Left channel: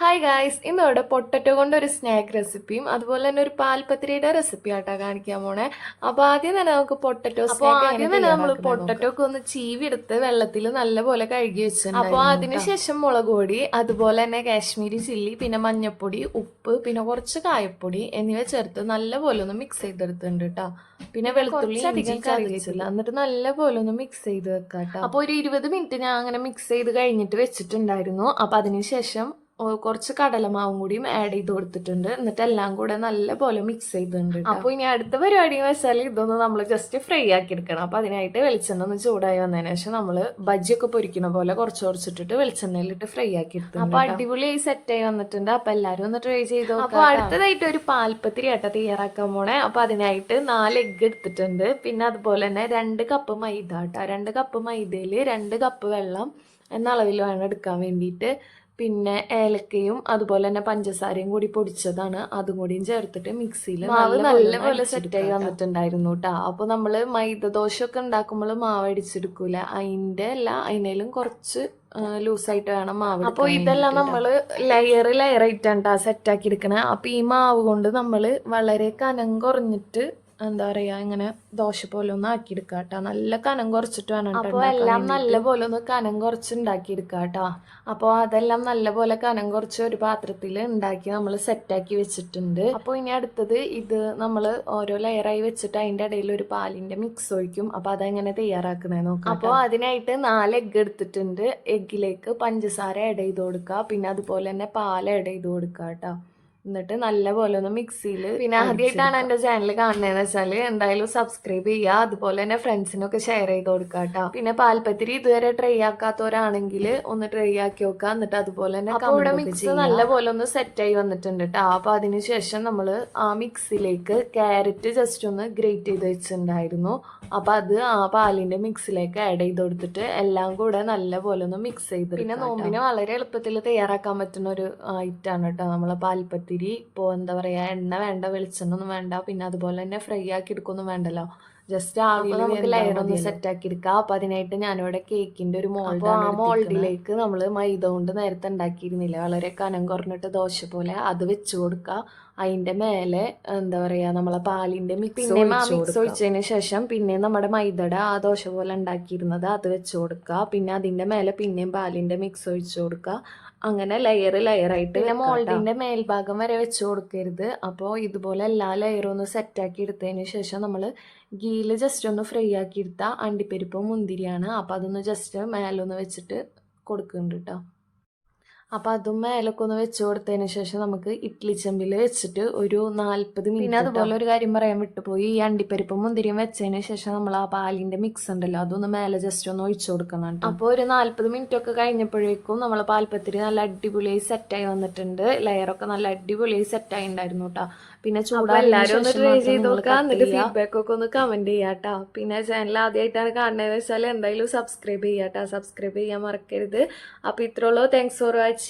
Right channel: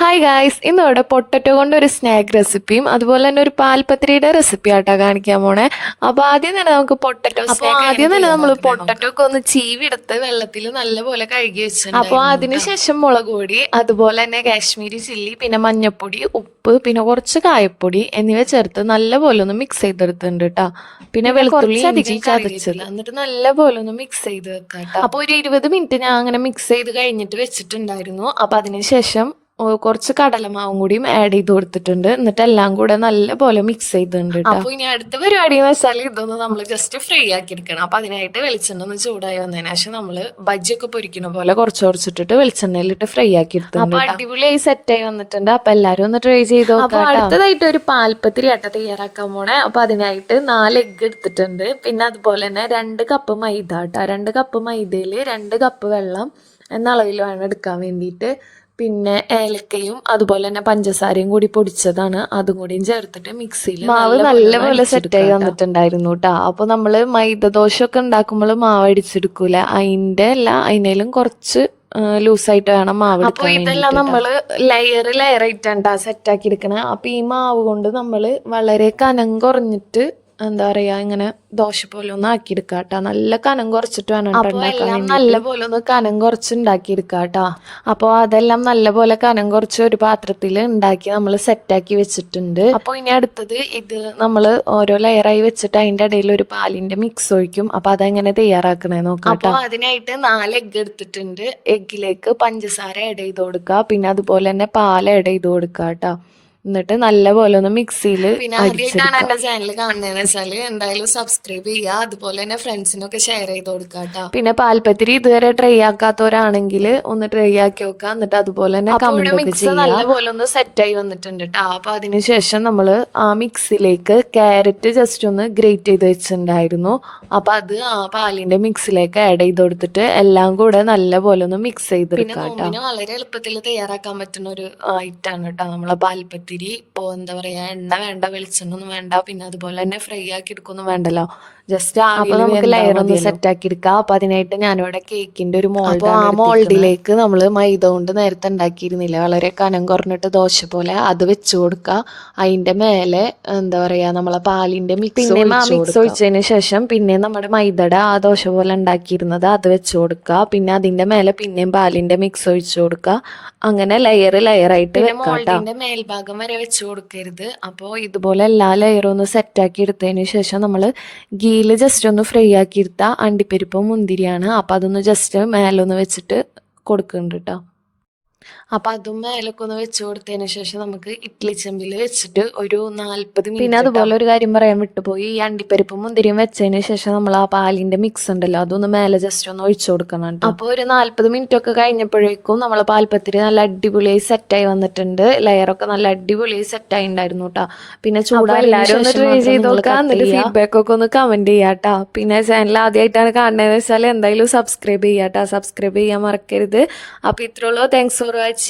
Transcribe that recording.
Hi guys, ഇന്നിവിടെ potato കൊണ്ട് ഒരു സ്നാക്ക് റെസിപ്പിയും അതുപോലെ തന്നെ ഒരു പാൽപത്രിയുടെ റെസിപ്പി ആട്ടാ കാണിക്കാൻ പോണേ. അപ്പോൾ ആദ്യം തന്നെ നമുക്ക് പൊട്ടറ്റോ സ്നാക്ക് ആദ്യം തന്നെ നമ്മൾ പൊട്ടറ്റോ ഒക്കെ ഒന്ന് ചീവിയെടുത്ത് വെള്ളത്തിൽ നല്ലപോലെ കഴുകി വെച്ചിട്ടുണ്ട്. അപ്പോൾ അതിനുശേഷം മുളക് പൊടി, അതുപോലെ തന്നെ കാശ്മീരി ചില്ലി, പിന്നെ മഞ്ഞൾപ്പൊടി, ഉപ്പ്, പിന്നെ കുറച്ച് കായപ്പൊടി എന്നിവ ചേർത്ത് നല്ലപോലെ ഒന്ന് മിക്സ് ചെയ്തെടുത്തിട്ടുണ്ട് കേട്ടോ. പിന്നെ വെളുത്തുള്ളി ഇഞ്ചി ചതച്ചത് എന്നിട്ട് നല്ലപോലെ ഒന്ന് മിക്സ് ചെയ്ത് വെക്കാം കേട്ടോ. അപ്പോൾ ഒരു 20 മിനിറ്റ് ഞാൻ അങ്ങനെ മിക്സ് ചെയ്ത് കഴിഞ്ഞിട്ട് വെച്ചിട്ടുണ്ടായിരുന്നു. അപ്പോൾ അതിനുശേഷം കുറച്ച് കടലമാവും കൂടിയും ആഡ് ചെയ്ത് കൊടുത്തിട്ടുണ്ട്. എന്നിട്ട് എല്ലാം കൂടെ നല്ലപോലെ മിക്സ് ചെയ്തിട്ടുണ്ട്. അപ്പോൾ ഇനി അടുത്ത പരിപാടി എന്ന് വെച്ചാൽ ഇതൊന്ന് നമ്മൾ ജസ്റ്റ് ഫ്രൈ ആക്കി എടുക്കണം. അപ്പോൾ അതിനായിട്ട് വെളിച്ചെണ്ണ ഒന്ന് ചൂടായി വന്നതിന് ശേഷം നമ്മൾ ബജ്ജിയൊക്കെ പൊരിക്കുന്ന പോലെ കുറച്ച് കുറച്ചിട്ടിട്ട് വെളിച്ചെണ്ണയിലിട്ട് ഫ്രൈ ആക്കി എടുത്തിട്ടുണ്ട്. അപ്പോൾ അടിപൊളിയായി സെറ്റായി വന്നിട്ടുണ്ട്. അപ്പോൾ എല്ലാവരും ഒന്ന് ട്രൈ ചെയ്ത് നോക്കാം. അപ്പോൾ അടുത്തതായിട്ട് ഒരു പാൽപ്പത്തിരി ആട്ട തയ്യാറാക്കാൻ പോണേ. അപ്പോൾ അതിനായിട്ട് 4 എഗ്ഗ് എടുത്തിട്ടുണ്ട്. പിന്നെ അതുപോലെ തന്നെ 2 കപ്പ് മൈദ കേട്ടോ. 2 കപ്പ് മൈദയിൽ 2 കപ്പ് വെള്ളം എന്ന അളവിൽ വേണം എടുക്കാൻ വേണ്ടിയിട്ട്. പിന്നെ ഏലക്കയും അതുപോലെ തന്നെ പഞ്ചസാരയും കൂടി പൊടിച്ചതാണ്, അതും കൂടിയും ചേർത്തിട്ട് മിക്സിയിൽ മാവ് നല്ലപോലെ സെറ്റായി വന്നിട്ടുണ്ടായിരുന്നു കേട്ടോ. അപ്പോൾ നമ്മൾ മൈദ ദോശയൊക്കെ ഉണ്ടാക്കുമ്പോൾ മാവ് അടിച്ചെടുക്കൂല, അതിനേലും കുറച്ച് ലൂസായിട്ട് വേണം മാവ്. അപ്പോൾ ഇതെല്ലാം നമ്മൾ ലെയറായിട്ടാണ് സെറ്റാക്കി എടുക്കണത്. അപ്പോൾ ഈ മാവ് കൊണ്ട് നമ്മൾ വളരെ കനം കുറഞ്ഞിട്ട് എന്താ പറയുക, ഇങ്ങനെ ദോശ പോലെ ഒന്ന് ആക്കിയെടുക്കുക കേട്ടോ. നല്ല കനം കുറച്ചിട്ട് വേണം. അപ്പോൾ എല്ലാം നല്ല പോലെ ഒന്ന് കനം കുറച്ച് ഉണ്ടാക്കിയെടുക്കുക കേട്ടോ. അപ്പോൾ അതെല്ലാം നല്ല പോലെ കനം കുറച്ച് ഒരു പാത്രത്തിൽ ഉണ്ടാക്കി നമ്മൾ സെറ്റാക്കി വെച്ചിട്ടുണ്ട്. അപ്പോൾ ഇനി അടുത്തത് ഇത് നമ്മൾ ഓരോ ലെയറായി വെച്ചിട്ട് അതിൻ്റെ ഇടയിൽ ഒരു പാലിൻ്റെ മിക്സ് ഒഴിക്കും. അപ്പോൾ അതെങ്ങനെ തയ്യാറാക്കണേ നോക്കാം. അപ്പോൾ അതിനായിട്ട് 4 എഗ്ഗ് എടുത്തിട്ടുണ്ട്. എഗ്ഗിലേക്ക് പഞ്ചസാര ആഡ് ചെയ്ത് കൊടുക്കുക, പിന്നെ അതുപോലെ തന്നെ പാൽ ആഡ് ചെയ്ത് കൊടുക്കുക കേട്ടോ. എന്നിട്ട് നല്ലപോലെ ഒന്ന് മിക്സിയിൽ. പിന്നെ ആദ്യമായിട്ടാണ് എൻ്റെ ചാനൽ കാണുന്നതെന്ന് വെച്ചാൽ എന്തായാലും സബ്സ്ക്രൈബ് ചെയ്യുക, അതുപോലെ തന്നെ ഫ്രണ്ട്സിനൊക്കെ ഷെയർ ചെയ്ത് കൊടുക്കുക കേട്ടോ. പിന്നെ പാൽപ്പത്തിരി ഇതുവരെ ട്രൈ ആക്കാത്തവരാണെങ്കിൽ ഒന്ന് ട്രൈ ആക്കി നോക്കുക. എന്നിട്ട് അതുപോലെ തന്നെ മിക്സ് നല്ലപോലെ ഒന്ന് സെറ്റായി വന്നിട്ടുണ്ട് കേട്ടോ. അപ്പോൾ അതിനുശേഷം നമ്മൾ ആ മിക്സിലേക്ക് ക്യാരറ്റ് ജസ്റ്റ് ഒന്ന് ഗ്രേറ്റ് ചെയ്ത് വെച്ചിട്ടുണ്ടായിരുന്നു. അപ്പോൾ അത് ആ പാലിൻ്റെ മിക്സിലേക്ക് ആഡ് ചെയ്ത് കൊടുത്തിട്ട് എല്ലാം കൂടെ നല്ലപോലെ ഒന്ന് മിക്സ് ചെയ്ത്. പിന്നെ നോമ്പിന് വളരെ എളുപ്പത്തിൽ തയ്യാറാക്കാൻ പറ്റുന്ന ഒരു ഐറ്റാണ് കേട്ടോ നമ്മളെ പാൽപ്പത്തിരി. ഇപ്പോൾ എന്താ പറയുക, എണ്ണ വേണ്ട, വെളിച്ചെണ്ണ ഒന്നും വേണ്ട, പിന്നെ അതുപോലെ തന്നെ ഫ്രൈ ആക്കി എടുക്കൊന്നും വേണ്ടല്ലോ. ജസ്റ്റ് നമുക്ക് ലെയർ ഒന്ന് സെറ്റ് ആക്കി എടുക്കാം. അപ്പോൾ അതിനായിട്ട് ഞാനിവിടെ കേക്കിൻ്റെ ഒരു മോൾഡ്, ആ മോൾഡിലേക്ക് നമ്മൾ മൈദ കൊണ്ട് നേരത്തെ ഉണ്ടാക്കിയിരുന്നില്ല, വളരെ കനം കുറഞ്ഞിട്ട് ദോശ പോലെ, അത് വെച്ച് കൊടുക്കുക. അതിൻ്റെ മേലെ എന്താ പറയുക, നമ്മളെ പാലിൻ്റെ മിക്സ് ഒഴിച്ചതിന് ശേഷം പിന്നെ നമ്മുടെ മൈദയുടെ ആ ദോശ പോലെ ഉണ്ടാക്കിയിരുന്നത് അത് വെച്ച് കൊടുക്കുക. പിന്നെ അതിൻ്റെ മേലെ പിന്നെയും പാലിൻ്റെ മിക്സ് ഒഴിച്ചു കൊടുക്കുക. അങ്ങനെ ലെയറായിട്ട് മോൾഡിൻ്റെ മേൽഭാഗം വരെ വെച്ച് കൊടുക്കരുത്. അപ്പോൾ ഇതുപോലെ എല്ലാ ലെയറും ഒന്ന് സെറ്റാക്കി എടുത്തതിന് ശേഷം നമ്മൾ ഗീയിൽ ജസ്റ്റ് ഒന്ന് ഫ്രൈ ആക്കി എടുത്താൽ അണ്ടിപ്പരിപ്പും മുന്തിരിയാണ്. അപ്പോൾ അതൊന്ന് ജസ്റ്റ് മേലൊന്ന് വെച്ചിട്ട് കൊടുക്കുന്നുണ്ട് കേട്ടോ. അപ്പോൾ അതും മേലൊക്കെ ഒന്ന് വെച്ച് കൊടുത്തതിന് ശേഷം നമുക്ക് ഇഡ്ഡലി ചെമ്പിൽ വെച്ചിട്ട് ഒരു 40 മിനിറ്റ്. പിന്നെ അതുപോലെ ഒരു കാര്യം പറയാൻ വിട്ടുപോയി, ഈ അണ്ടിപ്പരിപ്പും മുന്തിരിയും വെച്ചതിന് ശേഷം നമ്മൾ ആ പാലിൻ്റെ മിക്സ് ഉണ്ടല്ലോ അതൊന്ന് മേലെ ജസ്റ്റ് ഒന്ന് ഒഴിച്ചു കൊടുക്കണം. അപ്പോൾ ഒരു 40 മിനിറ്റ് ഒക്കെ കഴിഞ്ഞപ്പോഴേക്കും നമ്മളെ പാൽപ്പത്തിരി നല്ല അടിപൊളിയായി സെറ്റായി വന്നിട്ടുണ്ട്. ലെയറൊക്കെ നല്ല അടിപൊളിയായി സെറ്റായി ഉണ്ടായിരുന്നു കേട്ടോ. പിന്നെ ചൂടായി എല്ലാവരും ഒന്ന് ട്രൈ ചെയ്ത് നോക്കാം. എന്നിട്ട് ഫീഡ്ബാക്ക് ഒക്കെ ഒന്ന് കമൻറ്റ് ചെയ്യാം കേട്ടോ. പിന്നെ ചാനൽ ആദ്യമായിട്ടാണ് കാണുന്നതെന്ന് വെച്ചാൽ എന്തായാലും സബ്സ്ക്രൈബ് ചെയ്യാം കേട്ടോ. സബ്സ്ക്രൈബ് ചെയ്യാൻ മറക്കരുത്. അപ്പോൾ ഇത്രയുള്ളൂ. Thanks for watching.